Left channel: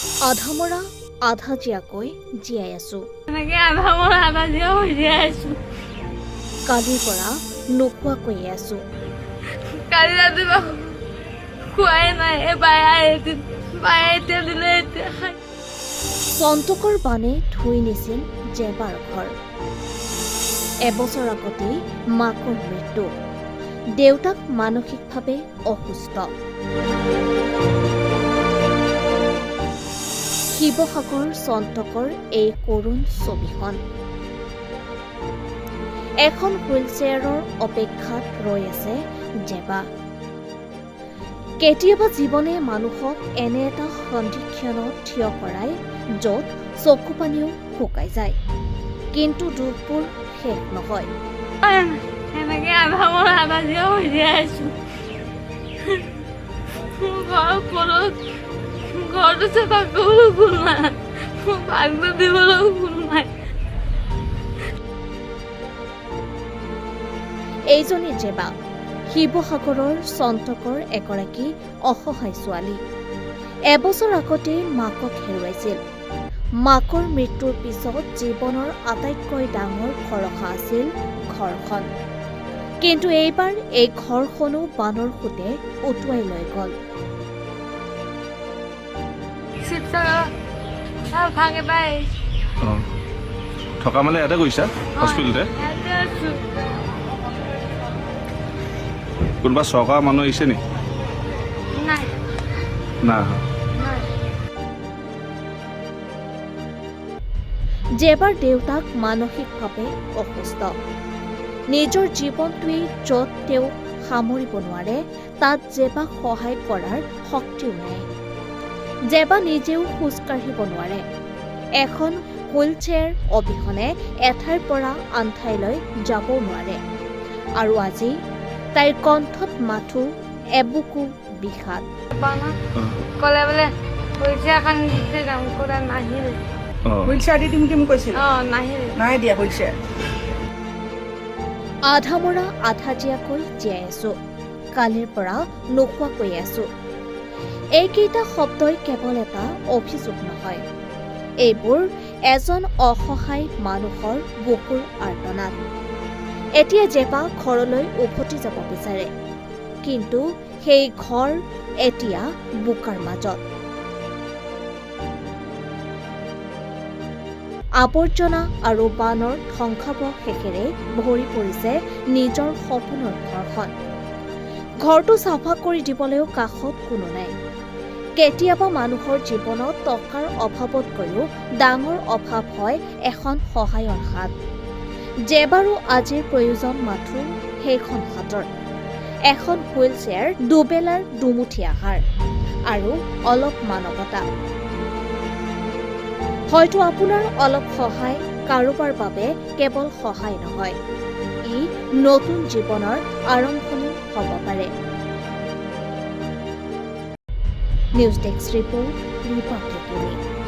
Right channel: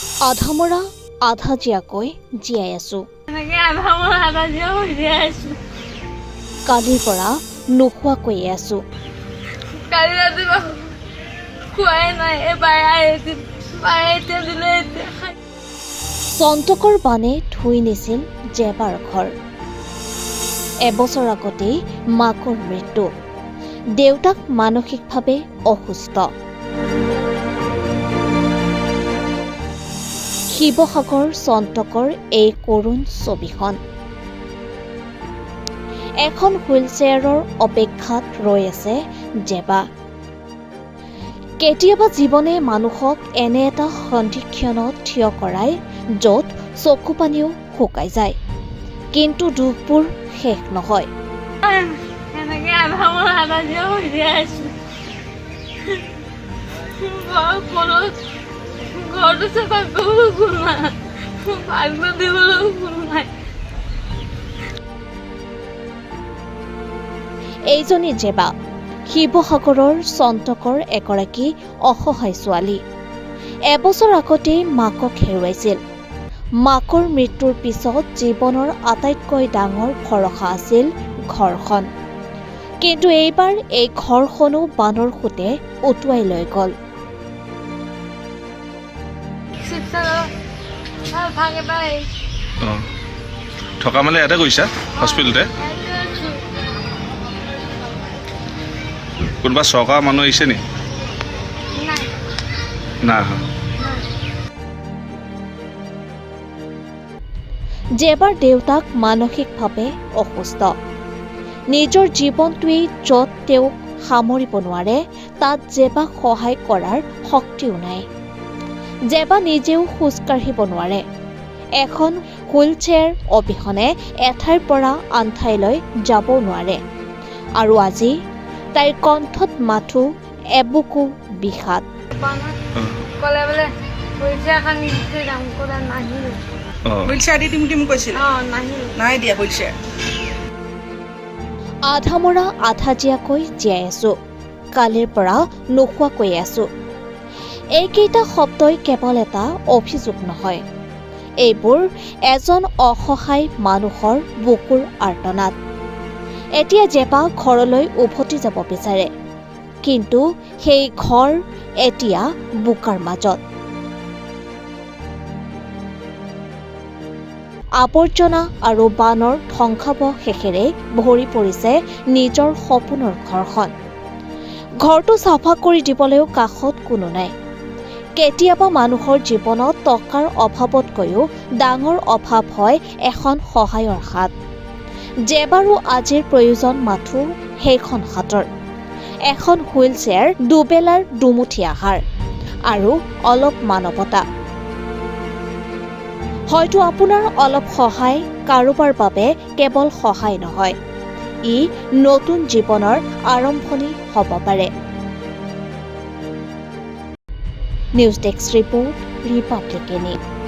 আধামৰা আধা জীয়াকৈ জীয়াই আছো। কালিৰ পৰা নোখোৱাকৈয়ে আছো। চন্তকৰ বানে ধুই নিছিল জেবাৰ ঘৰ। এবছৰ আগতেই মাকৰ মৃত্যু। দেউতাক মানসিকভাৱে অসুস্থ। শিৱসাগৰ চন্তকৰ এই কৰুণ ছবিখন। এখন হুইলচেয়াৰৰ অপেক্ষাত ৰৈ আছে জেবা। কেতিয়াবা জীৱনে মানুহক এনে এটা সন্ধিক্ষণত থিয় কৰাই য'ত চকু পানীও শুকাই যায়, কিন্তু দুখবোৰ শেষ নহয়। এইজনী জেবা শিৱসাগৰৰ চন্তকৰ এগৰাকী অসহায় ছোৱালী। এবছৰ আগতেই মাকক হেৰুৱাইছিল। মাকৰ মৃত্যুৰ পিছত জীৱনৰ আটাইতকৈ ডাঙৰ ভৰসা আছিল ঘৰখন। কিন্তু এইবাৰ এই ঘৰখনো বানৰ সৈতে উটুৱাই লৈ গ'ল। থকা মানে ইয়াতে গৈছা হস্পিটেলতে? কোনোবা চৰকাৰৰ মানুহ আহিছে নি? নাই। জেবাৰ দেউতাক মানসিকভাৱে অসুস্থ। নিজৰ জীৱনটোৱেই য'ত তেওঁক সামৰিব নোৱাৰে, তাত জেবাক সহায় কৰাৰ শক্তিও নাই। জেবা নিজেও খোজকাঢ়িব নোৱাৰে। এখন হুইলচেয়াৰ অবিহনে এঠাইৰ পৰা আন ঠাইলৈ যাবও নোৱাৰে। আৰু আজি তাইৰ কণ্ঠত মাথো এবুকু বিষাদ। আধামৰা আধা জীয়াকৈ জীয়াই আছো। কালিৰ পৰা নোখোৱাকৈ আছো। এইকেইটা শব্দই কেৱল এটা অভিযোগ নহয়, এইবোৰ এজন অসহায় মানুহৰ বুকুৰ আৰ্তনাদ। এতিয়া জেবা ঘৰলৈ উভতি যাব বিচাৰে, কিন্তু সেই ঘৰ এতিয়া বোকাৰ মাজত। আৱৰ্জনা আৰু বানৰ ধ্বংসাৱশেষেৰে ভৰি পৰিছে নিজৰ সপোনৰ ঘৰখন। ঘৰটো চাফা কৰি দিবলৈও কাষত কোনো নাই। কেতিয়াবা মানুহৰ জীৱনত টকাৰ অভাৱতকৈও ডাঙৰ অভাৱ হয় এখন সহায়ৰ হাত। জেবাৰো আজিৰ প্ৰয়োজন মাথো সেইখন হাতৰ। এখন হুইলচেয়াৰ, দুবেলাৰ দুমুঠি আহাৰ আৰু অলপ মানৱতা। হয়তো আপোনাৰ অলপ সহায় কাৰোবাৰ বাবে কেৱল সহায় নহয়, ই নতুন জীৱনৰ আৰম্ভণি হ'ব পাৰে। News desk report, Republic news.